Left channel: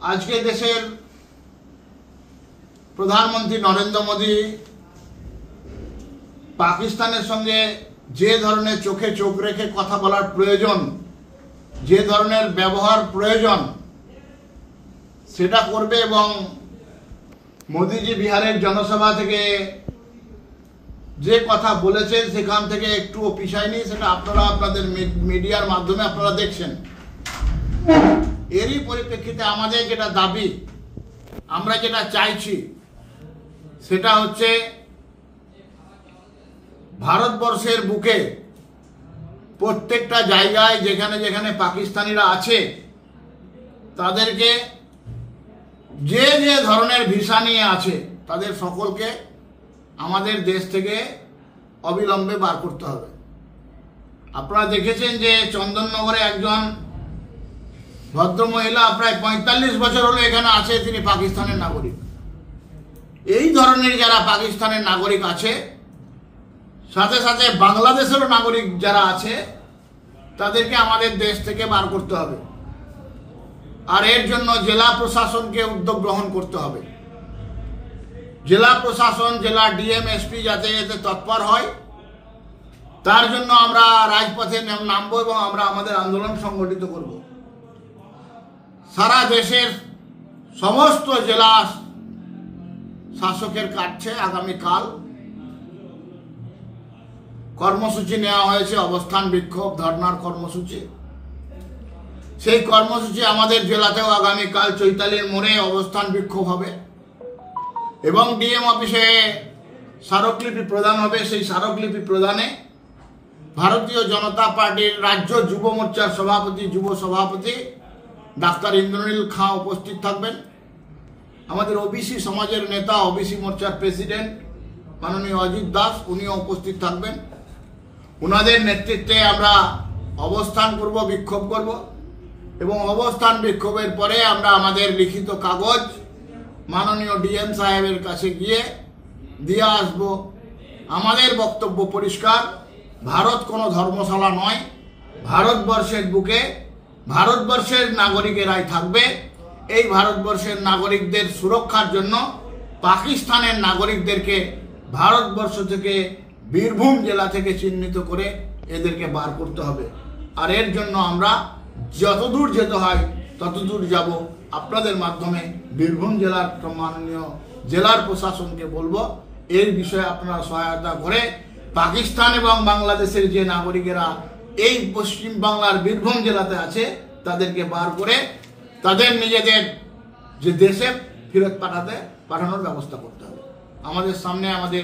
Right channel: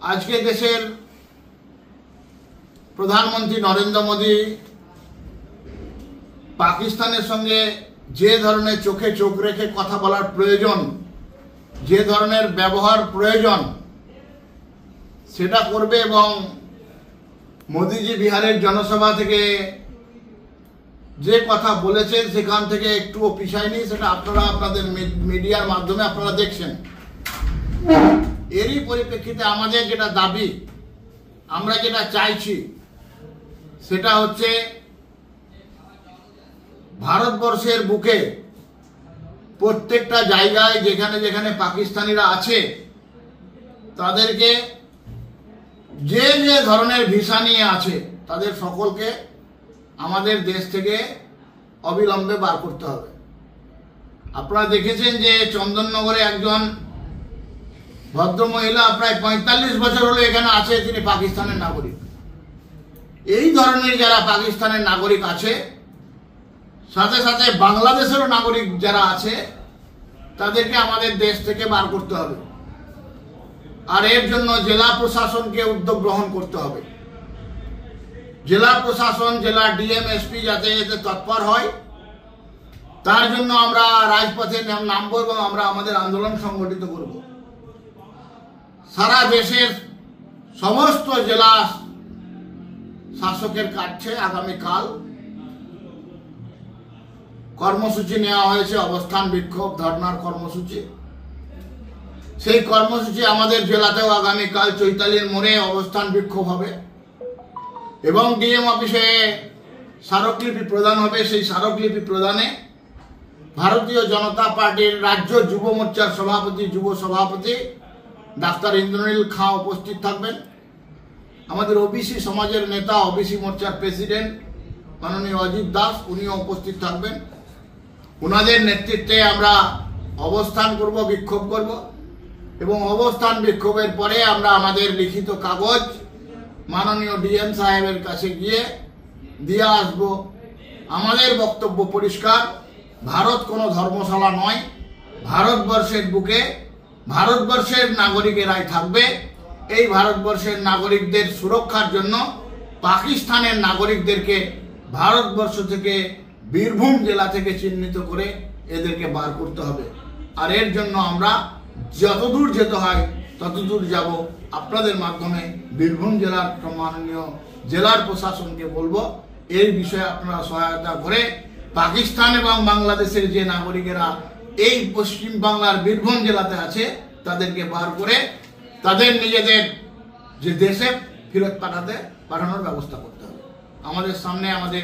আজকে দেশের প্রধানমন্ত্রী নরেন্দ্র মোদী পাকিস্তানের সঙ্গে যে ধরনের চোখে চোখ রেখে কথা বলার প্রয়োজন, যে ধরনের ব্যবহার প্রয়োজন সেটা করবে এবং মোদীজি বিহারের জনসভা থেকে যে কথা বলেছেন সেখান থেকে একটুও পিছায়নি। সেটা আপনারা আপনাদের মিডিয়ার মাধ্যমে আপনারা দেখছেন। এরই পরিপ্রেক্ষিতে আমাদের যেটা দাবি, আমরা যেটা চাইছি সেটা হচ্ছে ভারতবর্ষের বুকে প্রত্যেকটা জায়গায় যেখানে যেখানে পাকিস্তানিরা আছে তাদেরকে যে যে ধরনের ভিসা নিয়ে আছে তাদের সকলকে আমাদের দেশ থেকে অবিলম্বে বার করতে হবে। আপনারা দেখেছেন যে চন্দননগরে একজন ভদ্রমহিলা প্রায় ৪৫ বছর হলো এখানে আছে, তিনি পাকিস্তানের নাগরিক। এই ধরনের যারা পাকিস্তানের নাগরিক আছে, সাথে সাথে বাংলাদেশেরও নাগরিক যারা আছে, তাদেরকে আমাদের দেশ থেকে বার করতে হবে। আর এর জন্য জেলা প্রশাসনকে উদ্যোগ গ্রহণ করতে হবে। জেলা প্রশাসন, জেলা ডিএম, এসপি যাতে এতে তৎপর হয়, তার জন্য আমরা রাজপথে নামবো এবং আমরা আমাদের আন্দোলন সংগঠিত করব। সারা দেশের সমস্ত জেলা শাসকের কাছে আগামীকাল কর্মসূচি নেওয়া হয়েছে, অবস্থান বিক্ষোভ ধর্নার কর্মসূচি। সেই কর্মসূচি আমাদের জেলাতেও আগামীকাল চৈতালির মোড়ে অবস্থান বিক্ষোভ হবে এবং ডিএম অফিসে স্মারকলিপি প্রদান হবে। সেই স্মারকলিপি প্রদানে ভারতীয় জনতা পার্টির রাজ্য যুব মোর্চার সভাপতি, যুব সভাপতি ডাক্তার ইন্দ্রনীল খাঁ উপস্থিত থাকবেন। আমাদের ওবিসি সমাজের নেতা, ওবিসি মোর্চার প্রেসিডেন্ট মাননীয় অজিত দাস, উনিও উপস্থিত থাকবেন। ওনাদের নেতৃত্বে আমরা অবস্থান করব, বিক্ষোভ করব এবং অবস্থান বিক্ষোভের পরে আমরা আমাদের লিখিত কাগজ মাননীয় ডিএম সাহেবের কাছে গিয়ে দিয়ে আসব। আমাদের বক্তব্য পরিষ্কার, ভারত কোনো ধর্মশালা নয়। ভারতবর্ষের বুকে ভারতবর্ষের নাগরিকেরাই থাকবে। এই ভারতবর্ষের নাগরিকদের সুরক্ষার জন্য পাকিস্তানের নাগরিকদেরকে ভারতবর্ষ থেকে বীরভূম জেলা থেকে চিহ্নিত করে এদেরকে বার করতে হবে। আর এর জন্য আমরা যতদূর যেতে হয় ততদূর যাব। আপনাদের মাধ্যমে বীরভূম জেলার মাননীয় জেলার প্রশাসনকে বলবো, এই বিষয়ে আপনারা সহায়তা করে পাকিস্তান এবং বাংলাদেশের যে নাগরিকেরা এই পশ্চিম বাংলার বীরভূম জেলাতে আছে তাদেরকে বার করে তাদের নিজেদের যে দেশে ফেরত পাঠানোর ব্যবস্থা করতে হবে। আমাদের সামনে আমাদের